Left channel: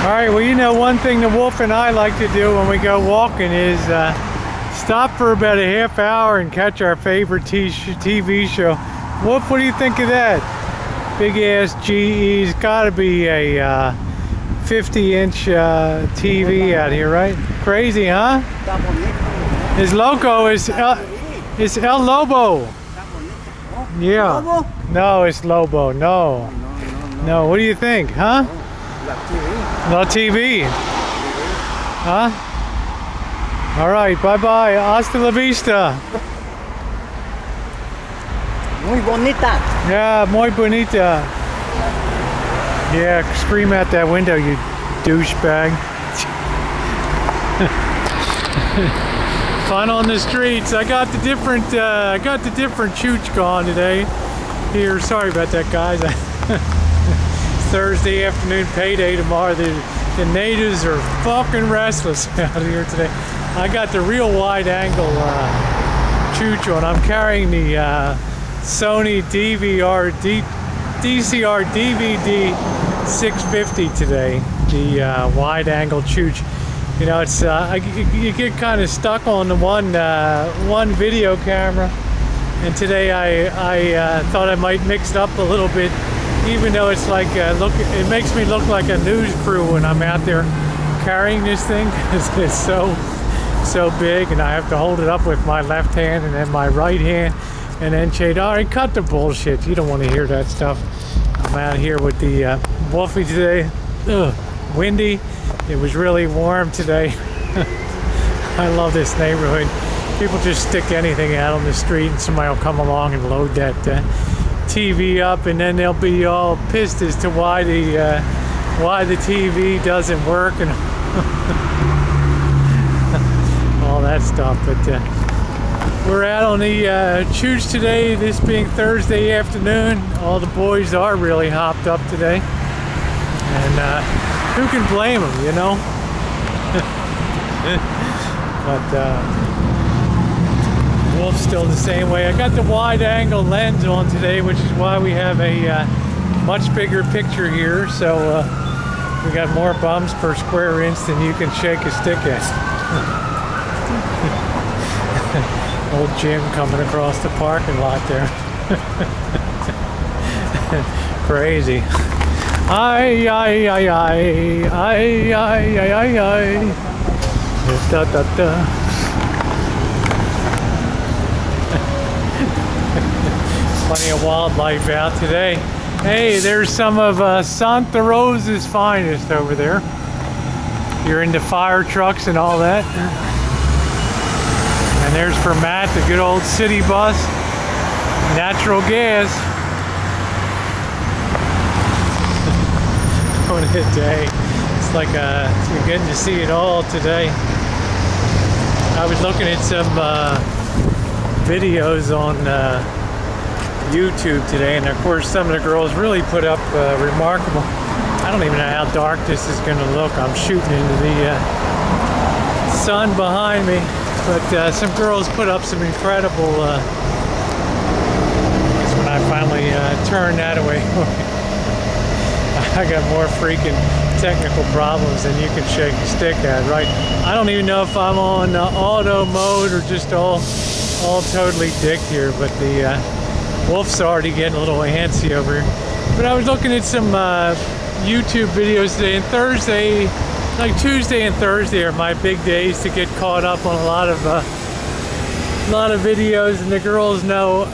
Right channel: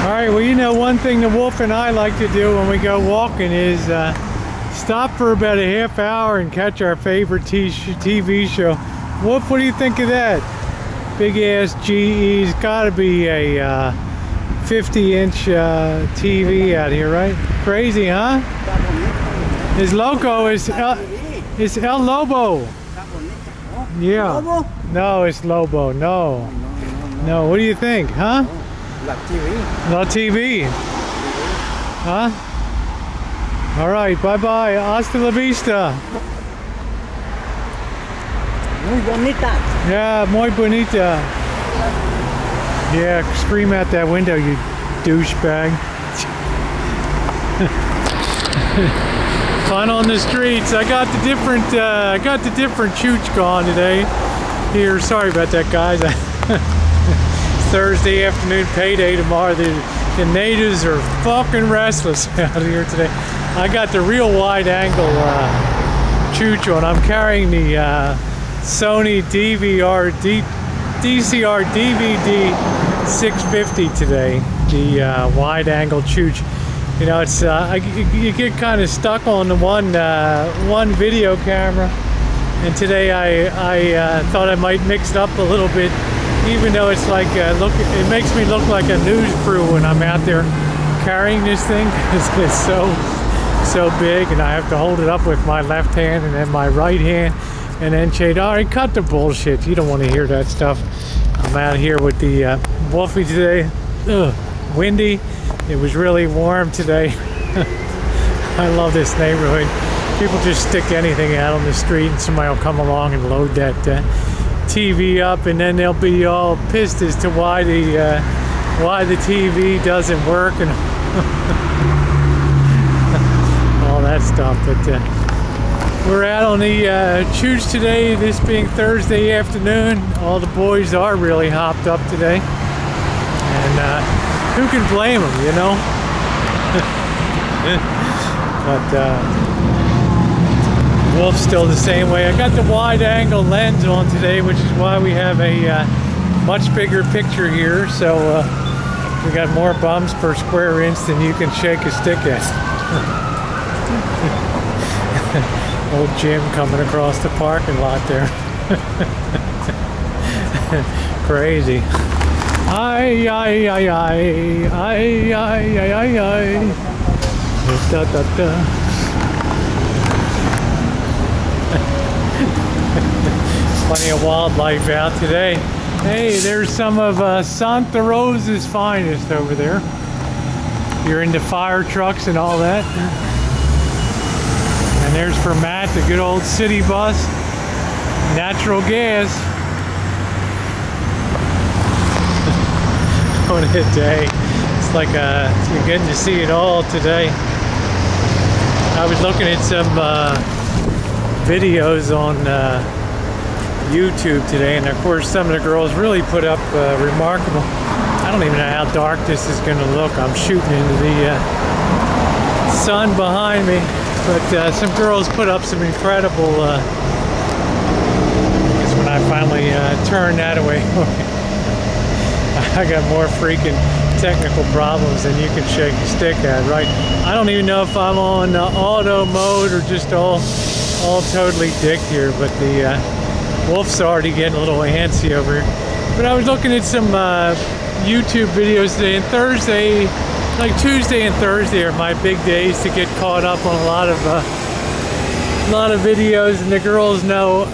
All right, well, you know, one thing the Wolf and I like to do when we go walking is stop for about a half hour and catch our favorite TV show. Wolf, what do you think of that? Big ass GE's gotta be a 50-inch TV out here, right? Crazy, huh? His logo is El Lobo. Yeah. Lobo? No, it's Lobo. No. No. What do you think, huh? La TV. No TV. Huh? All right. Bye-bye. Hasta la vista. Muy bonita. Yeah, muy bonita. Yeah, scream out that window, you douchebag. Fun on the streets. I got the different Chooch going today. Here, sorry about that, guys. Thursday afternoon, payday tomorrow. The natives are fucking restless out here today. I got the real wide angle Chooch on. I'm carrying the Sony DCR DVD 650 today. The wide angle Chooch. You know, it's you get kind of stuck on the one video camera. And today I thought I might mix it up a little bit. Even though it's like, it makes me look like a news crew when I'm out there carrying this thing, because it's so big, and I have to hold it up with my left hand and then my right hand, and then shade. All right, cut the bullshit. You don't want to hear that stuff. I'm out here with the Wolfie today. Ugh, windy. It was really warm today. I love this neighborhood. People just stick anything out on the street, and somebody will come along and load that TV up, and then they'll be all pissed as to why the TV doesn't work and all that stuff. But we're out on the Chooch today, this being Thursday afternoon. All the boys are really hopped up today, and who can blame them, you know? But Wolf's still the same way. I got the wide angle lens on today, which is why we have a much bigger picture here. So we got more bums per square inch than you can shake a stick at. Old Jim coming across the parking lot there. Crazy. Ay, ay, ay, ay, ay, ay, ay, ay, ay. Da, da, da. Plenty of wildlife out today. Hey, there's some of Santa Rosa's finest over there. You're into fire trucks and all that. And there's for Matt, the good old city bus. Natural gas. What a day. It's like you're getting to see it all today. I was looking at some videos on YouTube today, and of course some of the girls really put up remarkable. I don't even know how dark this is going to look. I'm shooting into the sun behind me, but some girls put up some incredible it's when I finally turn that away. I got more freaking technical problems than you can shake a stick at, right? I don't even know if I'm on auto mode or just all totally dicked here, but the Wolf's already getting a little antsy over here. But I was looking at some YouTube videos today, and Thursday, like Tuesday and Thursday are my big days to get caught up on a lot of videos, and the girls know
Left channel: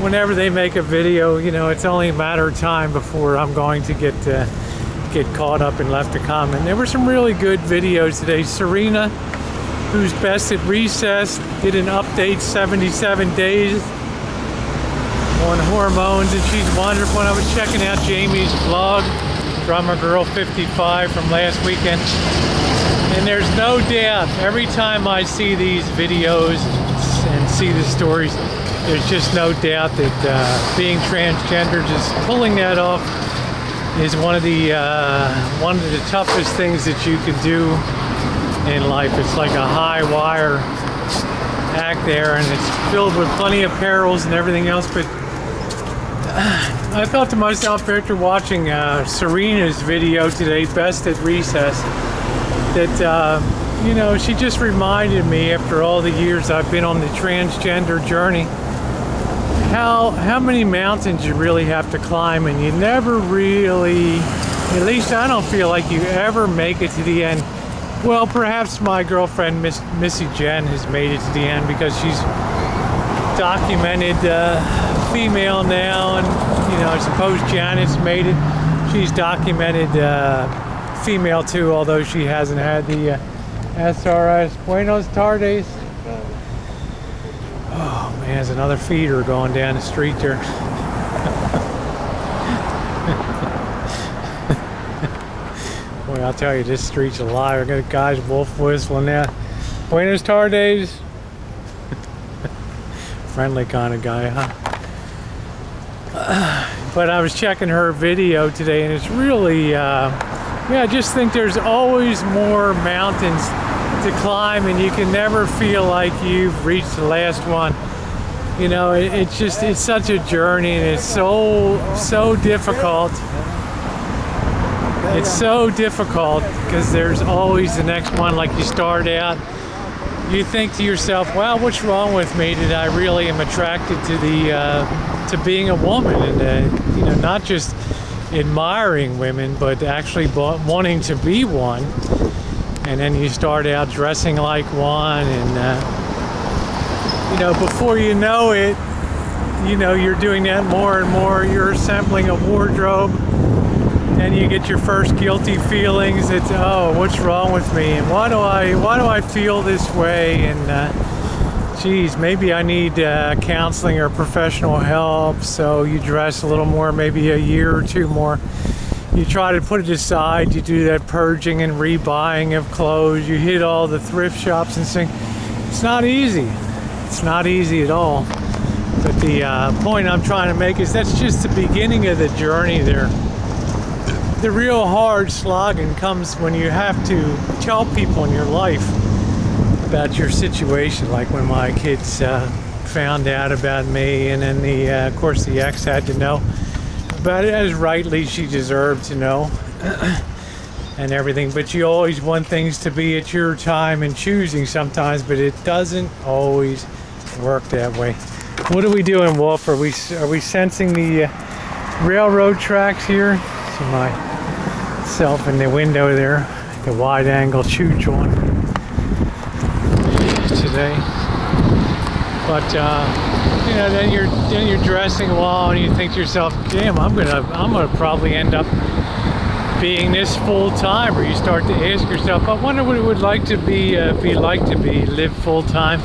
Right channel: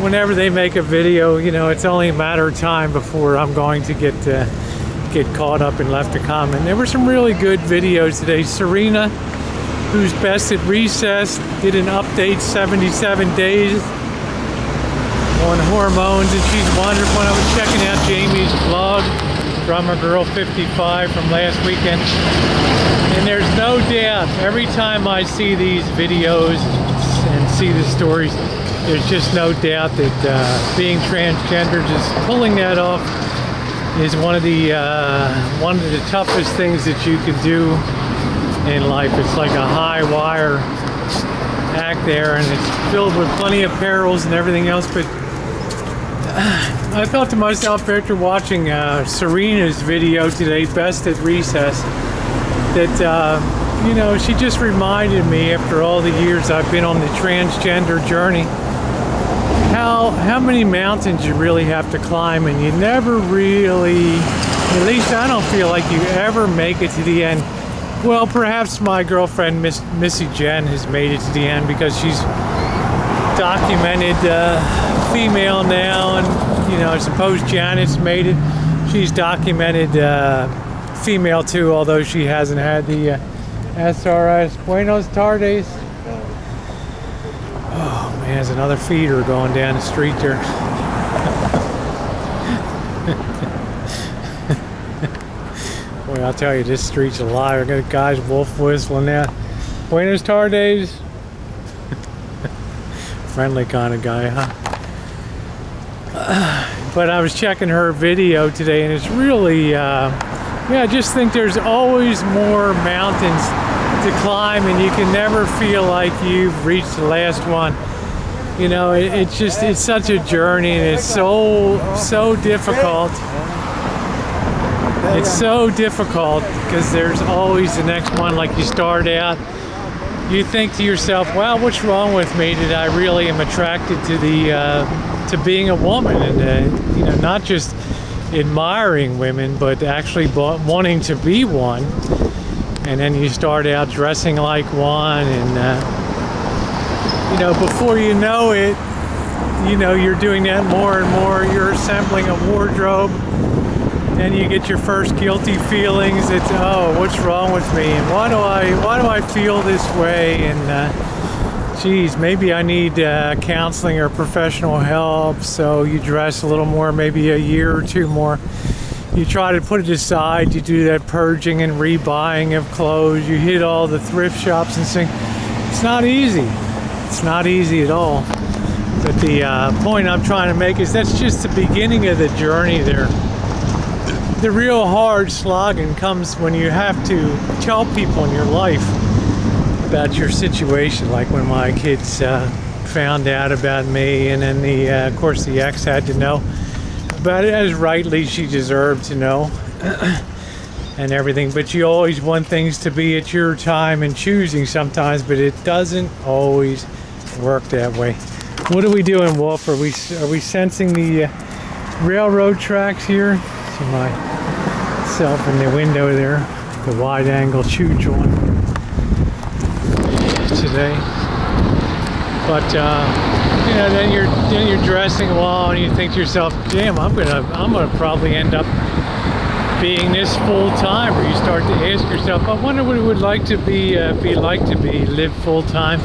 whenever they make a video, you know, it's only a matter of time before I'm going to get caught up and left a comment. There were some really good videos today. Serena, who's best at recess, did an update 77 days on hormones, and she's wonderful. I was checking out Jamie's vlog, Drummer Girl 55 from last weekend, and there's no doubt every time I see these videos and see the stories, there's just no doubt that being transgender, just pulling that off, is one of the toughest things that you can do in life. It's like a high wire act there, and it's filled with plenty of perils and everything else, but I thought to myself after watching Serena's video today, Best at Recess, that, you know, she just reminded me after all the years I've been on the transgender journey, how many mountains you really have to climb, and you never really, at least I don't feel like you ever make it to the end. Well, perhaps my girlfriend, Missy Jen, has made it to the end because she's documented female now, and you know, I suppose Janet's made it. She's documented female too, although she hasn't had the SRS. Buenos tardes. Oh man, there's another feeder going down the street there. Boy, I'll tell you, this street's alive. I got guys wolf whistling now. Buenos tardes. Friendly kind of guy, huh? But I was checking her video today, and it's really, yeah, I just think there's always more mountains to climb, and you can never feel like you've reached the last one. You know, it's just, it's such a journey, and it's so difficult. It's so difficult because there's always the next one. Like, you start out, you think to yourself, wow, what's wrong with me that I really am attracted to the to being a woman, and you know, not just admiring women, but actually wanting to be one. And then you start out dressing like one, and you know, before you know it, you know, you're doing that more and more. You're assembling a wardrobe, and you get your first guilty feelings. It's, oh, what's wrong with me, and why do I feel this way, and geez, maybe I need counseling or professional help. So you dress a little more, maybe a year or two more. You try to put it aside. You do that purging and rebuying of clothes. You hit all the thrift shops and sing. It's not easy. It's not easy at all. But the point I'm trying to make is that's just the beginning of the journey there. The real hard slogging comes when you have to tell people in your life about your situation, like when my kids found out about me, and then of course the ex had to know about it, as rightly she deserved to know, and everything. But you always want things to be at your time and choosing sometimes, but it doesn't always work that way. What are we doing, Wolf? Are we sensing the railroad tracks here? See myself in the window there, the wide-angle Chooch on today. But you know, then you're dressing a while, and you think to yourself, damn, I'm gonna probably end up being this full time. Or you start to ask yourself, I wonder what it would like to be live full time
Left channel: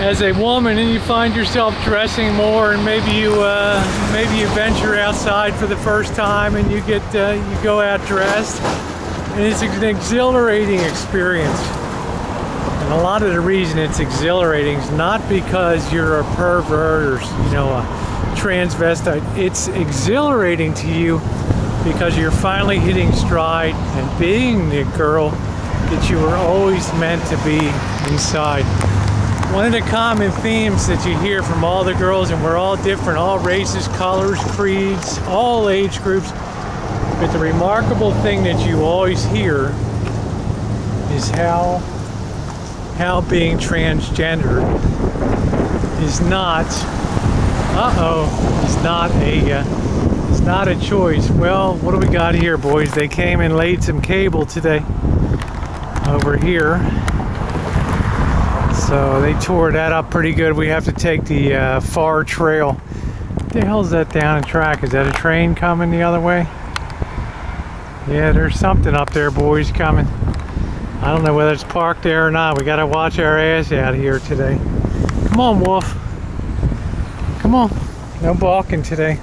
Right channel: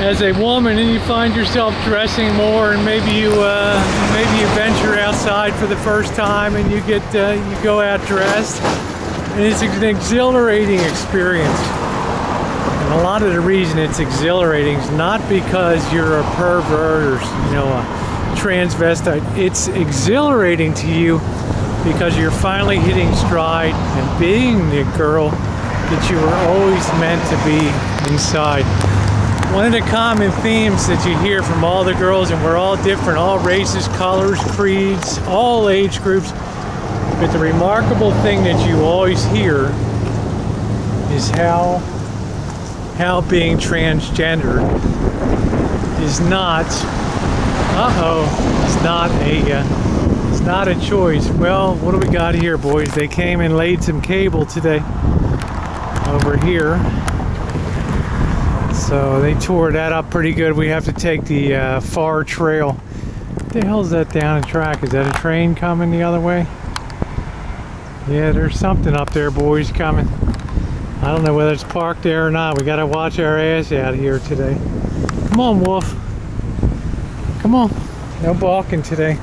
as a woman. And you find yourself dressing more, and maybe you venture outside for the first time, and you go out dressed, and it's an exhilarating experience. And a lot of the reason it's exhilarating is not because you're a pervert or, you know, a transvestite. It's exhilarating to you because you're finally hitting stride and being the girl that you were always meant to be inside. One of the common themes that you hear from all the girls, and we're all different, all races, colors, creeds, all age groups, but the remarkable thing that you always hear is how being transgendered is not, is not a choice. Well, what do we got here, boys? They came and laid some cable today over here. So they tore that up pretty good. We have to take the far trail. What the hell is that down the track? Is that a train coming the other way? Yeah, there's something up there, boys, coming. I don't know whether it's parked there or not. We gotta watch our ass out here today. Come on, Wolf. Come on. No balking today.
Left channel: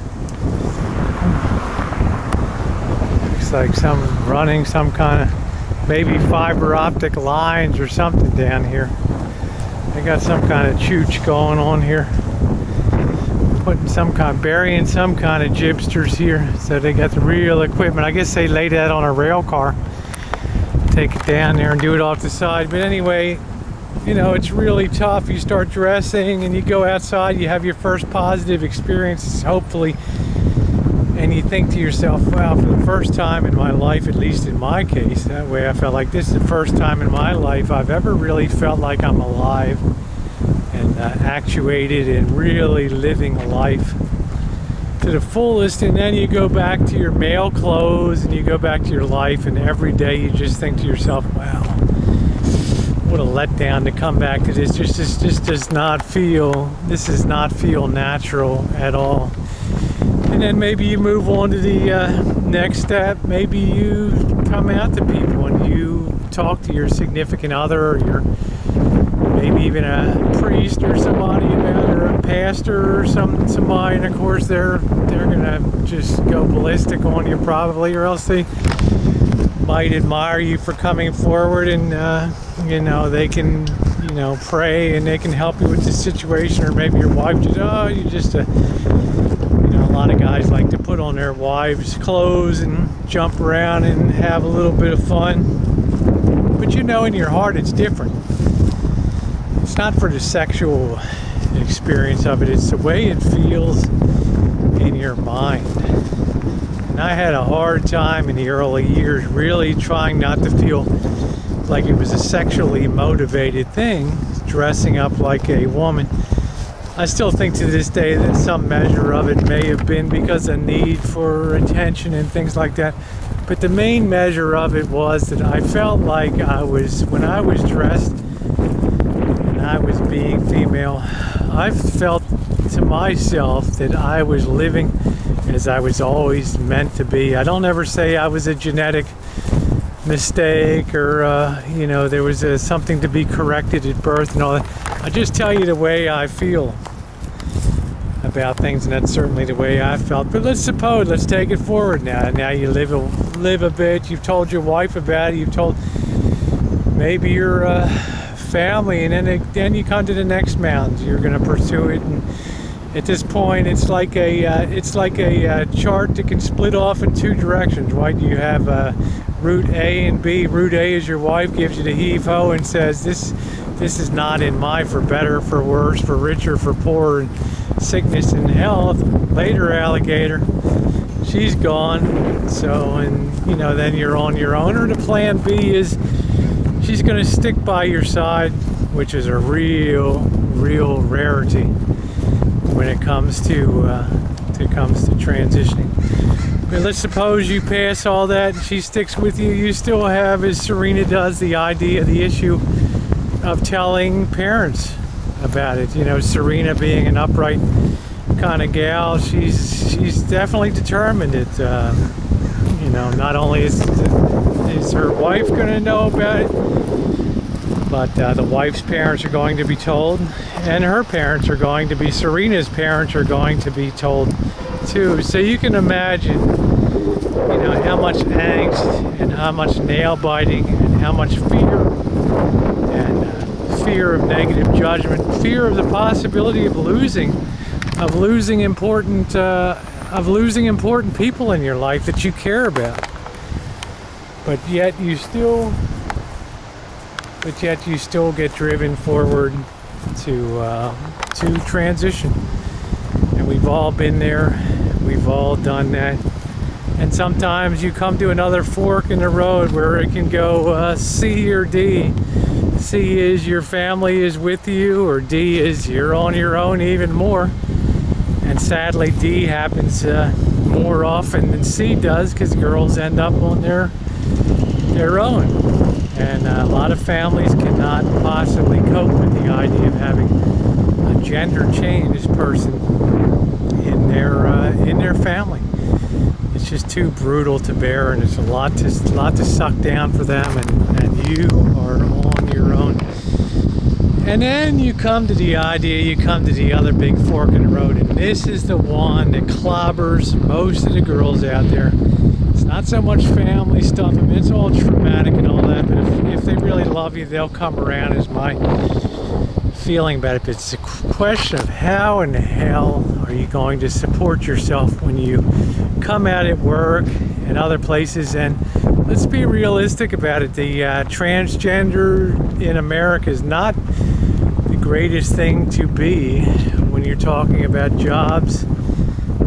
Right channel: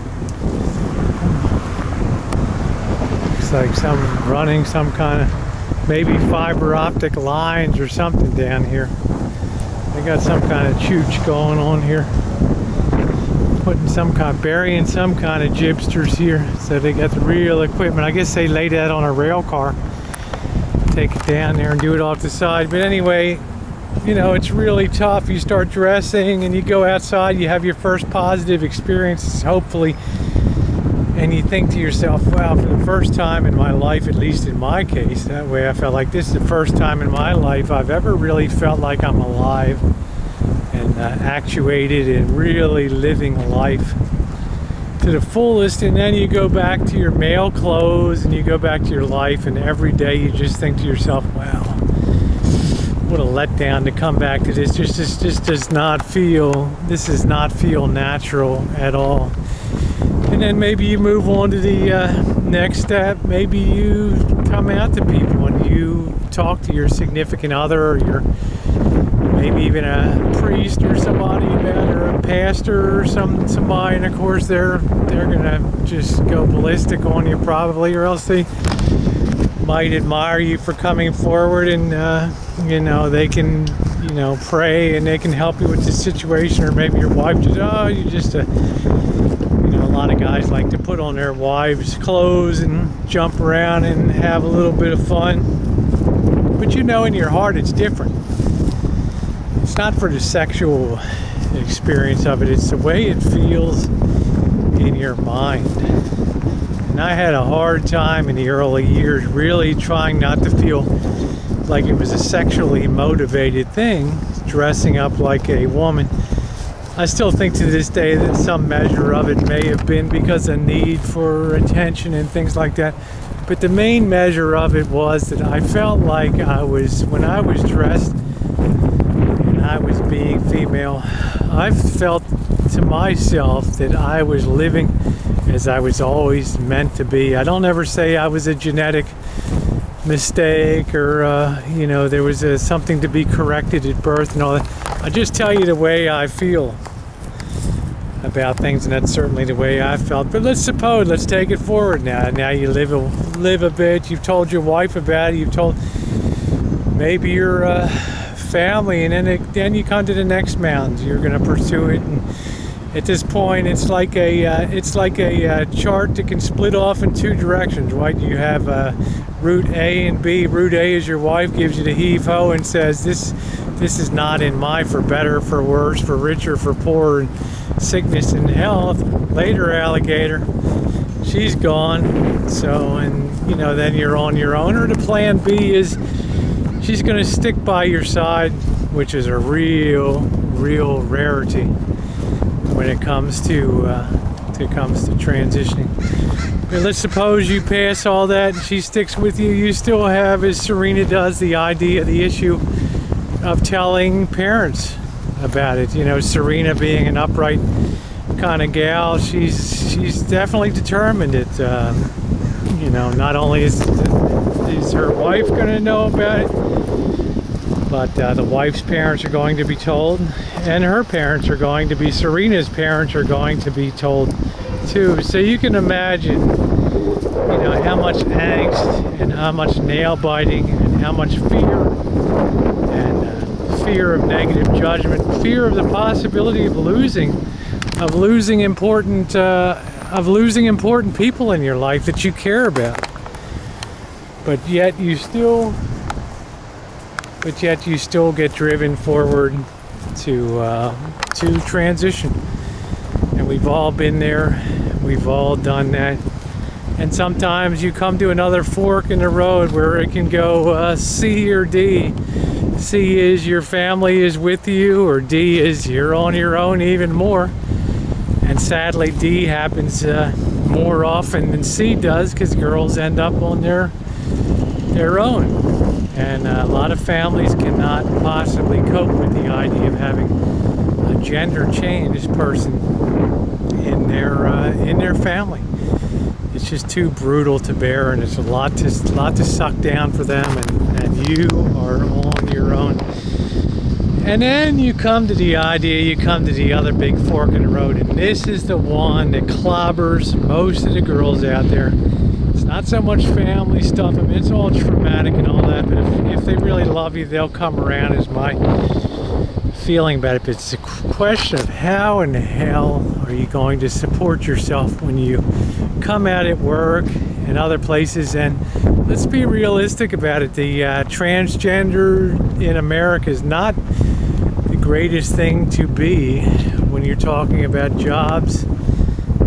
Looks like some kind of, maybe fiber optic lines or something down here. They got some kind of chooch going on here. Burying some kind of gypsters here. So they got the real equipment. I guess they laid that on a rail car. Take it down there and do it off the side. But anyway, you know, it's really tough. You start dressing and you go outside, you have your first positive experiences, hopefully, and you think to yourself, wow, for the first time in my life, at least in my case, that way I felt like this is the first time in my life I've ever really felt like I'm alive and actuated and really living a life to the fullest. And then you go back to your male clothes and you go back to your life, and every day you just think to yourself, wow, what a letdown to come back to this. Just does not feel natural at all. And then maybe you move on to the next step. Maybe you come out to people and you talk to your significant other, or your maybe even a priest or somebody about it, or a pastor or somebody, and of course they're gonna just go ballistic on you probably, or else they might admire you for coming forward, and you know, they can, you know, pray and they can help you with the situation. Or maybe your wife just, oh, you just you know, a lot of guys like to put on their wives' clothes and jump around and have a little bit of fun, but you know in your heart it's different. It's not for the sexual experience of it, it's the way it feels in your mind. And I had a hard time in the early years really trying not to feel like it was a sexually motivated thing, dressing up like a woman. I still think to this day that some measure of it may have been because of need for attention and things like that. But the main measure of it was that I felt like when I was dressed and I was being female, I felt to myself that I was living as I was always meant to be. I don't ever say I was a genetic mistake, or you know, there was something to be corrected at birth and all that. I just tell you the way I feel about things, and that's certainly the way I felt. But let's take it forward now. Now you live a bit. You've told your wife about it. You've told maybe your family, and then you come to the next mountain. You're going to pursue it, and at this point, it's like a chart that can split off in two directions, right? You have route A and B. Route A is your wife gives you the heave-ho and says, this is not in my for better, for worse, for richer, for poorer, and sickness and health. Later, alligator, she's gone. So, and you know, then you're on your own. Or the plan B is she's going to stick by your side, which is a real rarity when it comes to transitioning. But let's suppose you pass all that and she sticks with you. You still have, as Serena does, the issue of telling parents about it. You know, Serena being an upright kind of gal, she's definitely determined that you know, not only is her wife going to know about it, but the wife's parents are going to be told, and her parents are going to be, Serena's parents are going to be told too. So you can imagine, you know, how much angst and how much nail biting and how much fear and fear of negative judgment, fear of the possibility of losing important people in your life that you care about. But yet you still get driven forward to transition. And we've all been there. We've all done that. And sometimes you come to another fork in the road where it can go C or D. C is your family is with you, or D is you're on your own even more. And sadly, D happens more often than C does, because girls end up on their own. And a lot of families cannot possibly cope with the idea of having a gender changed person in their family. It's just too brutal to bear, and it's a lot to suck down for them, and you are on your own. And then you come to the other big fork in the road, and this is the one that clobbers most of the girls out there. It's not so much family stuff. I mean, it's all traumatic and all that, but if they really love you, they'll come around, is my feeling about it. But it's a question of how in the hell are you going to support yourself when you come out at work and other places, and let's be realistic about it. The transgender in America is not the greatest thing to be when you're talking about jobs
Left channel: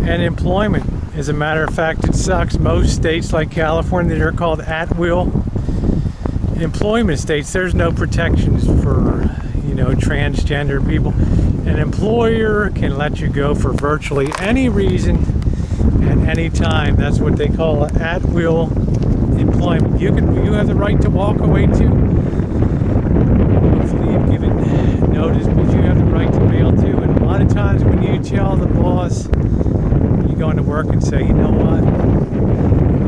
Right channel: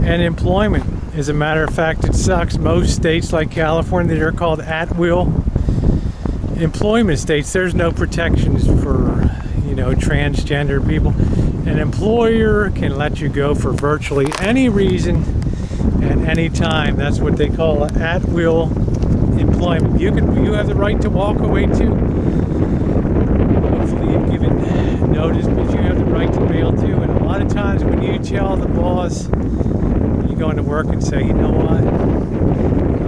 and employment. As a matter of fact, it sucks. Most states like California, they're called at-will employment states. There's no protections for, you know, transgender people. An employer can let you go for virtually any reason at any time. That's what they call at-will employment. You have the right to walk away too. Hopefully you've given notice, but you have the right to bail too. And a lot of times when you tell the boss, you go into work and say, you know what,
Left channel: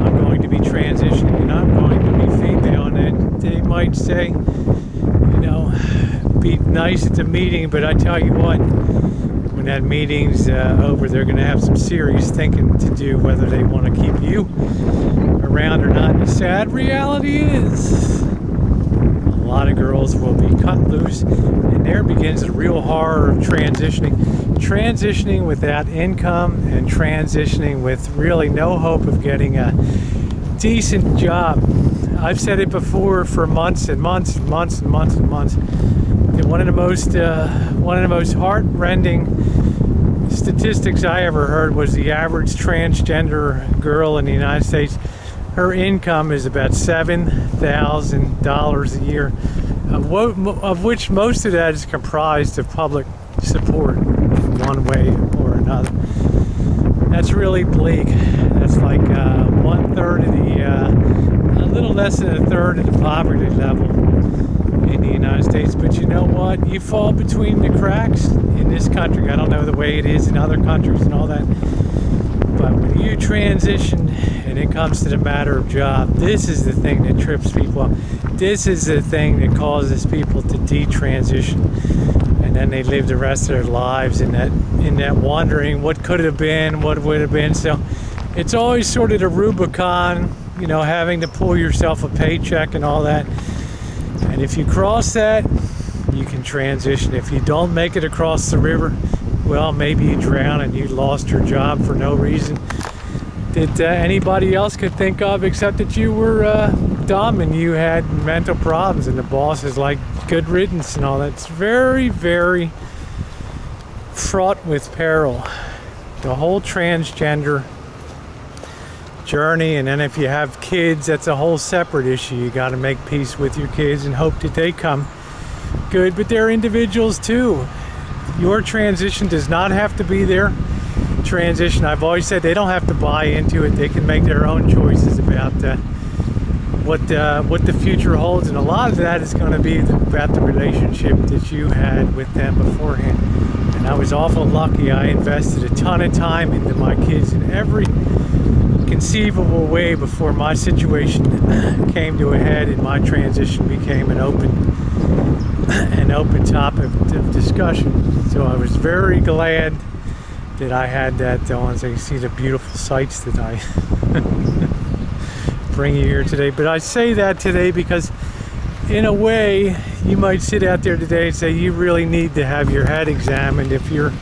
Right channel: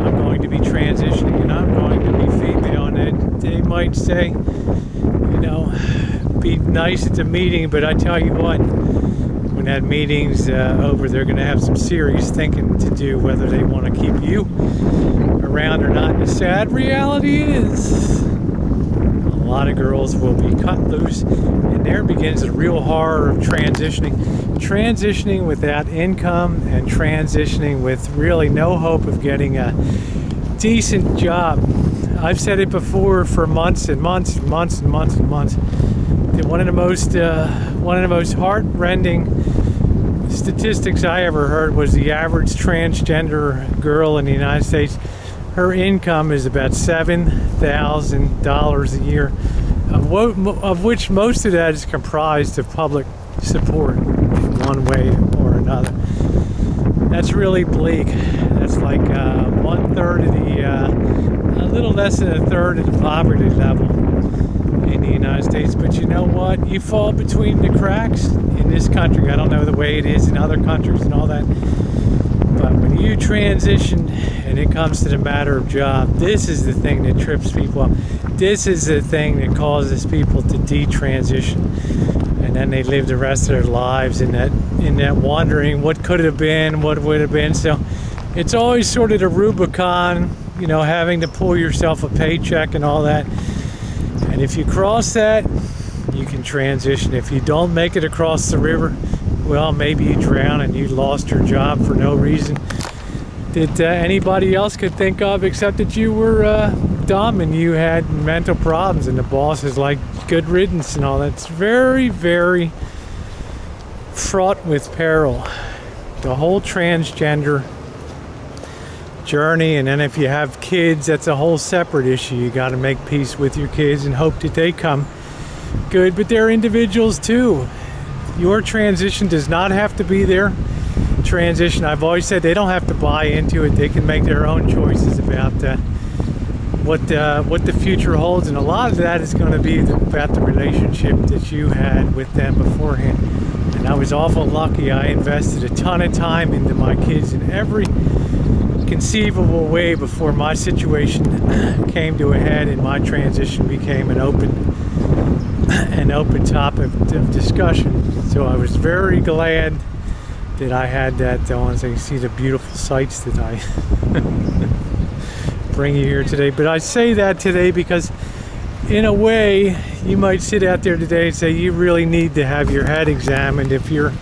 I'm going to be transitioning and I'm going to be female, and they might say, you know, be nice at the meeting, but I tell you what, when that meeting's over, they're going to have some serious thinking to do whether they want to keep you around or not. The sad reality is a lot of girls will be cut loose, and there begins the real horror of transitioning without income and transitioning with really no hope of getting a decent job. I've said it before for months and months and months and months and months that one of the most heart-rending statistics I ever heard was the average transgender girl in the United States, her income is about $7,000 a year, of which most of that is comprised of public support in one way or another. That's really bleak. That's like 1/3 of the, a little less than 1/3 of the poverty level in the United States. But you know what? You fall between the cracks in this country. I don't know the way it is in other countries and all that. But when you transition and it comes to the matter of job, this is the thing that trips people up. This is the thing that causes people to detransition. And then they live the rest of their lives in that wondering what could have been, what would have been. So it's always sort of the Rubicon, you know, having to pull yourself a paycheck and all that. And if you cross that, you can transition. If you don't make it across the river, well, maybe you drown and you lost your job for no reason that anybody else could think of, except that you were dumb and you had mental problems, and the boss is like, good riddance and all that. It's very, very fraught with peril, the whole transgender journey. And then if you have kids, that's a whole separate issue. You got to make peace with your kids and hope that they come good, but they're individuals too. Your transition does not have to be their transition. I've always said they don't have to buy into it. They can make their own choices about what the future holds, and a lot of that is going to be about the relationship that you had with them beforehand. And I was awful lucky. I invested a ton of time into my kids in every conceivable way before my situation came to a head and my transition became an open topic of discussion. So I was very glad that I had that on, so you can see the beautiful sights that I bring you here today. But I say that today because in a way you might sit out there today and say you really need to have your head examined. If you're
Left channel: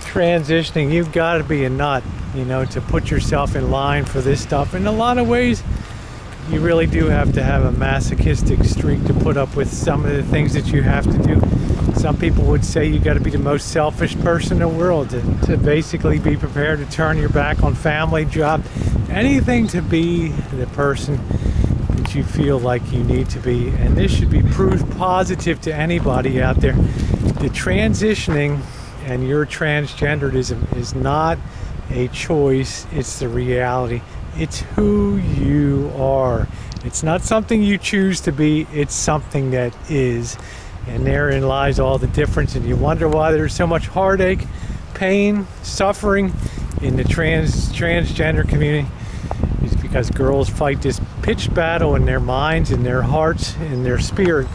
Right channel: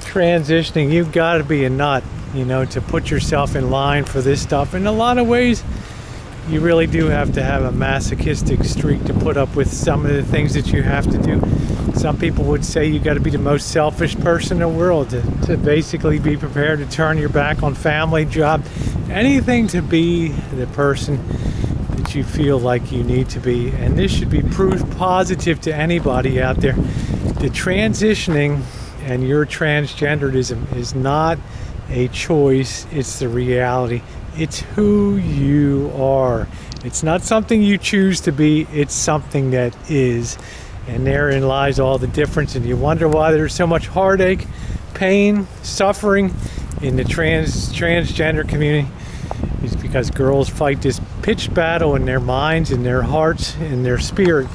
transitioning, you've got to be a nut, you know, to put yourself in line for this stuff. In a lot of ways you really do have to have a masochistic streak to put up with some of the things that you have to do. Some people would say you got to be the most selfish person in the world to basically be prepared to turn your back on family, job, anything to be the person that you feel like you need to be. And this should be proof positive to anybody out there. The transitioning and your transgenderism is not a choice, it's the reality. It's who you are. It's not something you choose to be, it's something that is. And therein lies all the difference. And you wonder why there's so much heartache, pain, suffering in the transgender community. It's because girls fight this pitched battle in their minds, in their hearts, in their spirit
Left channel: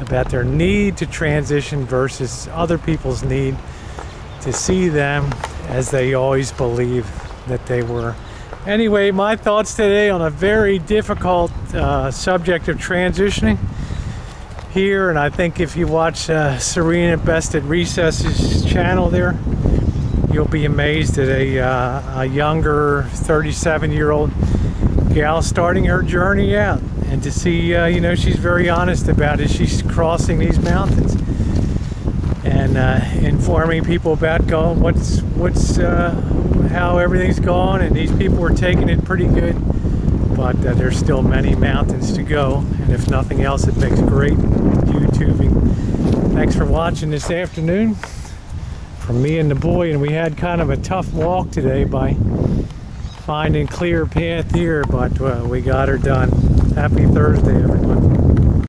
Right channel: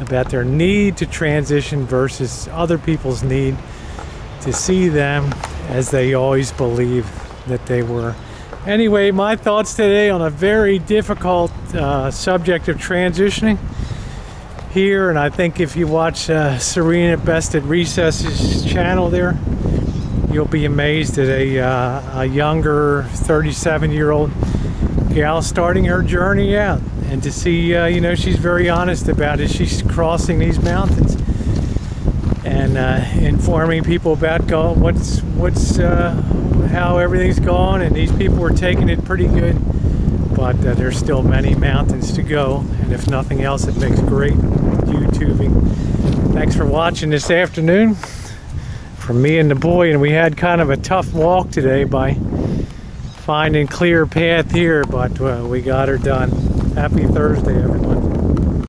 about their need to transition versus other people's need to see them as they always believed that they were. Anyway, my thoughts today on a very difficult subject of transitioning here. And I think if you watch Serena bestatrecess's channel there, you'll be amazed that a younger 37-year-old gal starting her journey out, and to see you know, she's very honest about it. She's crossing these mountains and informing people about how everything's going, and these people are taking it pretty good, but there's still many mountains to go, and if nothing else, it makes great YouTubing. Thanks for watching this afternoon from me and the boy, and we had kind of a tough walk today by finding clear path here, but we got her done. Happy Thursday, everyone.